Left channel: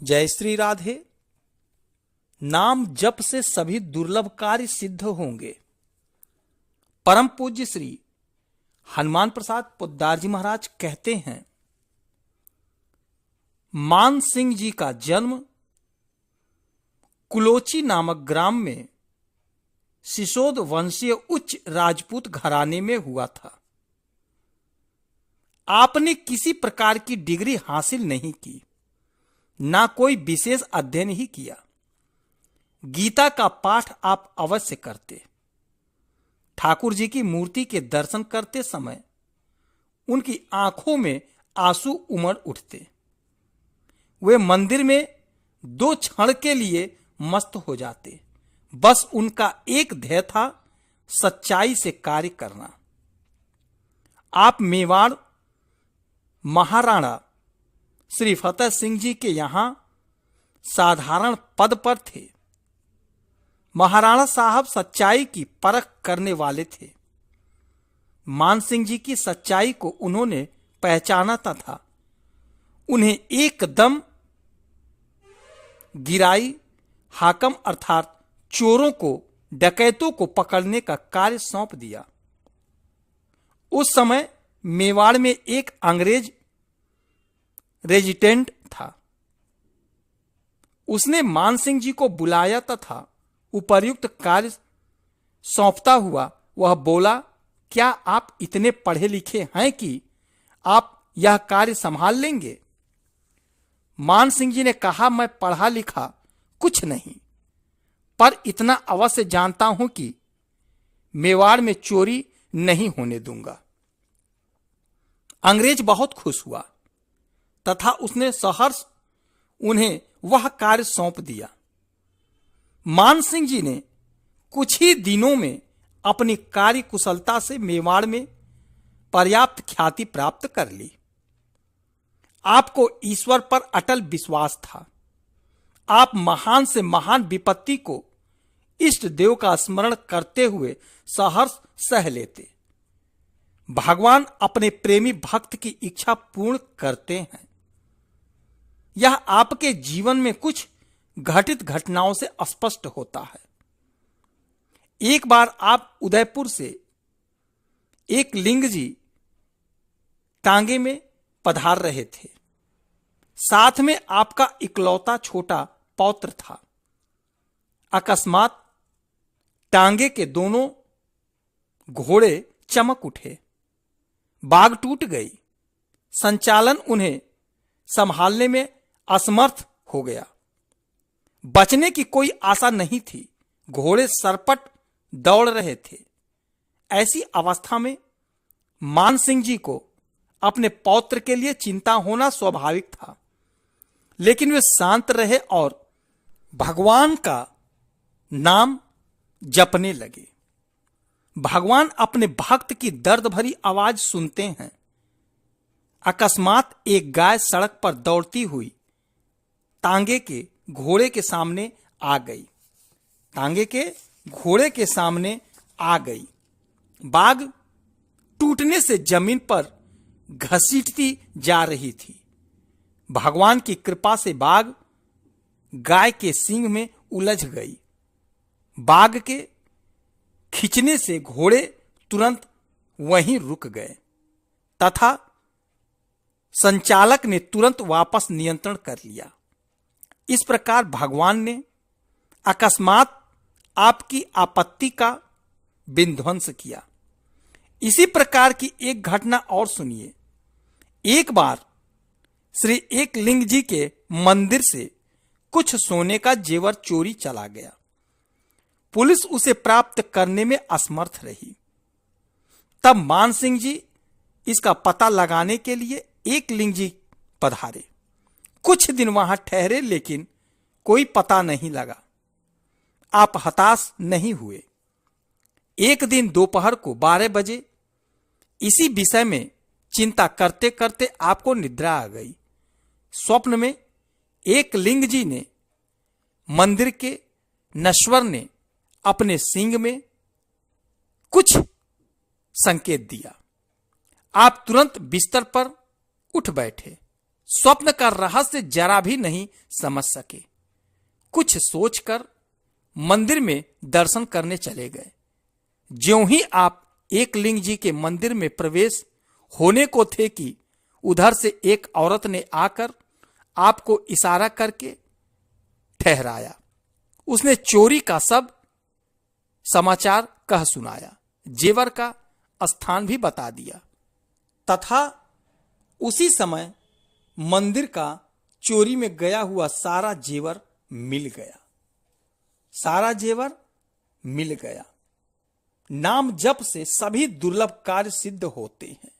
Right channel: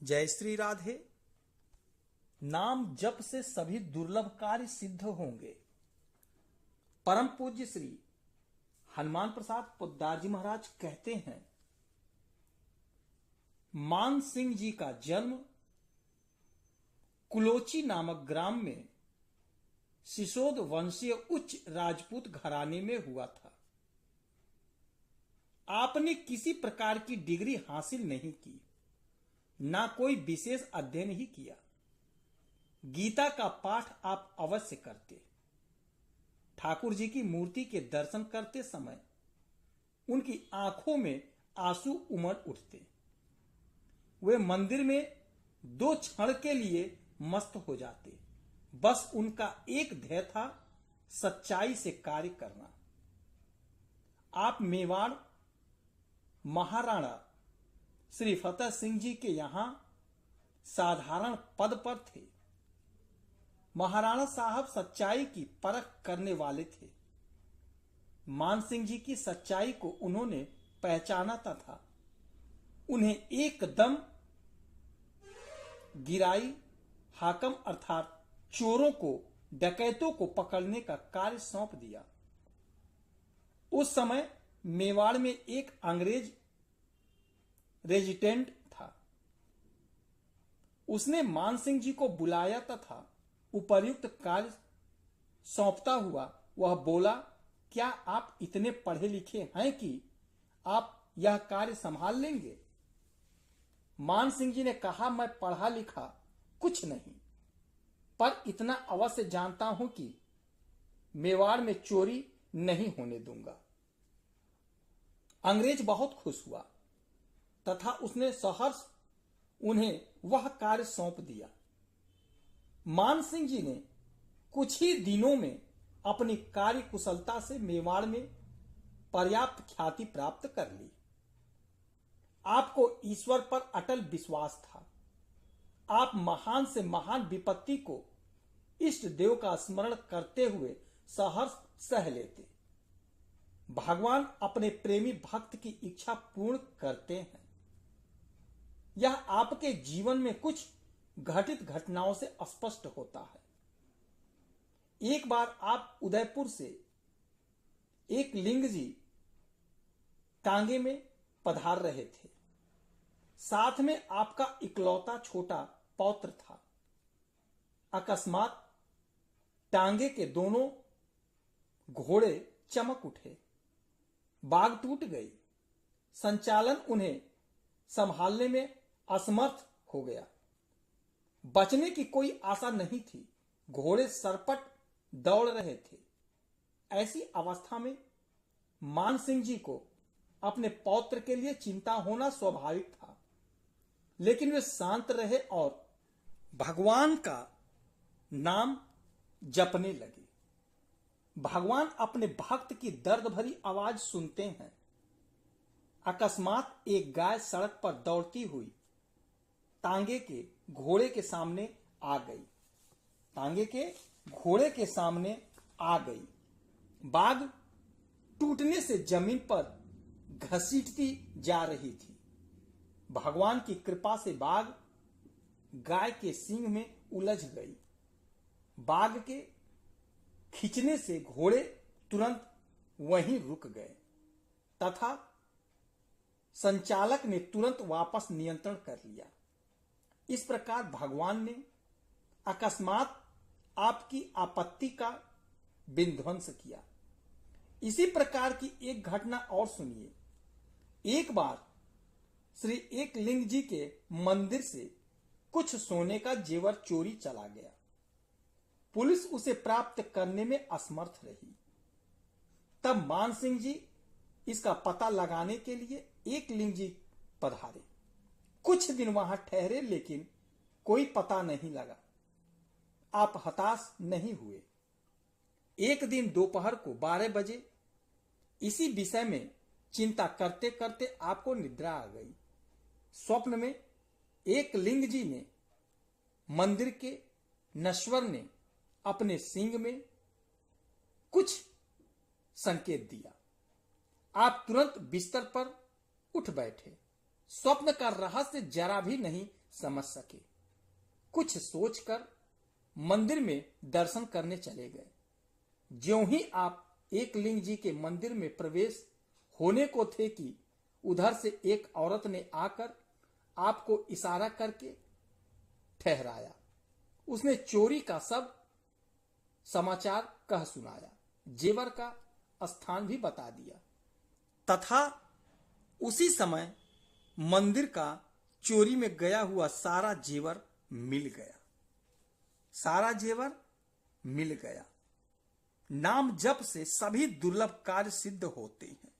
जय श्री राधे। नाम जप से सभी दुर्लभ कार्य सिद्ध होंगे। परम पूज्य श्री हनुमान प्रसाद पोद्दार जी महाराज कहते हैं, मान सिंह जी का जन्म कुलोची नामक ग्राम में सिसोद वंशीय उच्च राजपूत घराने में हुआ था। आपने किसी प्रकार की डिग्री हासिल नहीं की, ना कोई विशेष अध्ययन ही किया। गीता का पाठ आप अवश्य करते। ठाकुर जी की मूर्ति के दर्शन करते समय उनकी आंखों में आंसू उमड़ उठते। वे मंदिर में 2 क्षण के लिए मस्त हो जाते। बस उनका एक ध्येय था, सच्चाई से कार्य करना। आप मेवाड़ महाराणा श्री फतेह सिंह जी के यहां साधारण पद पर थे। महाराणा साहब सच्चाई की परख करने वाले थे। मान सिंह जी की सच्चाई को उन्होंने पहचाना था। उन्हें एकदम गिराई हाकम अर्थात चोरों को, डकैतों को पकड़ने का कार्य सौंप दिया। उस समय मेवाड़ में एक अंग्रेज रेजिडेंट था। उसने मान सिंह जी को बुलाया तथा उपर्युक्त कार्य सौंपता हुआ वह बोला, क्या आप इतने पढ़े लिखे हैं कि आप यह कार्य संभाल लेंगे? मान सिंह जी ने कहा, मैं पढ़ा लिखा कुछ नहीं, पर इतना अवश्य जानता हूं कि मेवाड़ में चोरी नहीं होने दूंगा। अंग्रेज बहुत खुश हुआ तथा उसने सहर्ष उन्हें वह कार्य सौंप दिया। मान सिंह जी ने कुछ ही दिनों में अपनी कार्य कुशलता से मेवाड़ में पर्याप्त ख्याति प्राप्त कर ली। आपको ईश्वर पर अटल विश्वास था। आप महान से महान विपत्ति को इष्ट देव का स्मरण करते हुए सहर्ष सह लेते। भगवान अपने प्रेमी भक्त की इच्छा पूर्ण करते हैं। यह आपके जीवन में कुछ घटित घटनाओं से स्पष्ट होता है। एक बार आप उदयपुर से एक लिंग जी टांगे में पधार रहे थे। साथ में आपका इकलौता छोटा पौत्र था। अकस्मात टांगे के दोनों घोड़े चमक उठे। बाग टूट गई। संचालन उन्हें संभालने में असमर्थ हो गया। बचने की कोई आशा नहीं थी। घोड़े सरपट दौड़ रहे थे। ऐसी अवस्था में मान सिंह जी को अपने पौत्र के लिए चिंता होना स्वाभाविक था, लेकिन वे शांत रहे और भगवान का नाम जपने लगे। भगवान अपने भक्त की दर्द भरी आवाज सुनते हैं। अकस्मात एक गाय सड़क पर दौड़ती हुई टांगे के घोड़े के सामने आ गई। टांगे के घोड़े के सामने आ गई। बाग टूटने से जमीन पर घसीटती जा रही थी। भगवान की कृपा से बाग गाय के सींग में उलझ गई। बाग के खींचने से घोड़े तुरंत वहीं रुक गए तथा संचालक ने तुरंत वापस नियंत्रण कर लिया। इस प्रकार भगवान ने अकस्मात आपकी आपत्ति का विध्वंस किया। इसी प्रकार की एक घटना और सुनिए। एक बार श्री एक लिंग जी के मंदिर से कुछ सोने का जेवर चोरी चला गया। पुलिस उसे प्राप्त करने में असमर्थ रही। तब मान सिंह जी इसका पता लगाने के लिए एक लिंग जी पधारे। कुछ दिन वहां ठहरे, लेकिन कोई पता नहीं लगा। आप हताश नहीं हुए। एक दिन दोपहर को 12 बजे इसी विषय में चिंता करते करते आपको निद्रा आ गई। स्वप्न में एक लिंग जी ने मंदिर के नश्वर ने अपने सींग में कुछ संकेत दिया। आप तुरंत बिस्तर पर उठ बैठे। स्वप्न का रहस्य जरा भी नहीं समझ सके। कुछ सोचकर मंदिर में दर्शन करने चले गए। ज्यों ही आप एकलिंग जी के मंदिर में प्रवेश होने को थे कि उधर से एक औरत ने आकर आपको इशारा करके ठहराया। उसने चोरी का सब समाचार कह सुनाया, जेवर का स्थान भी बता दिया तथा उसी समय मंदिर का चोरी में गया हुआ सारा जेवर मिल गया। सारा जेवर मिल गया। नाम जप से सभी दुर्लभ कार्य सिद्ध होते हैं।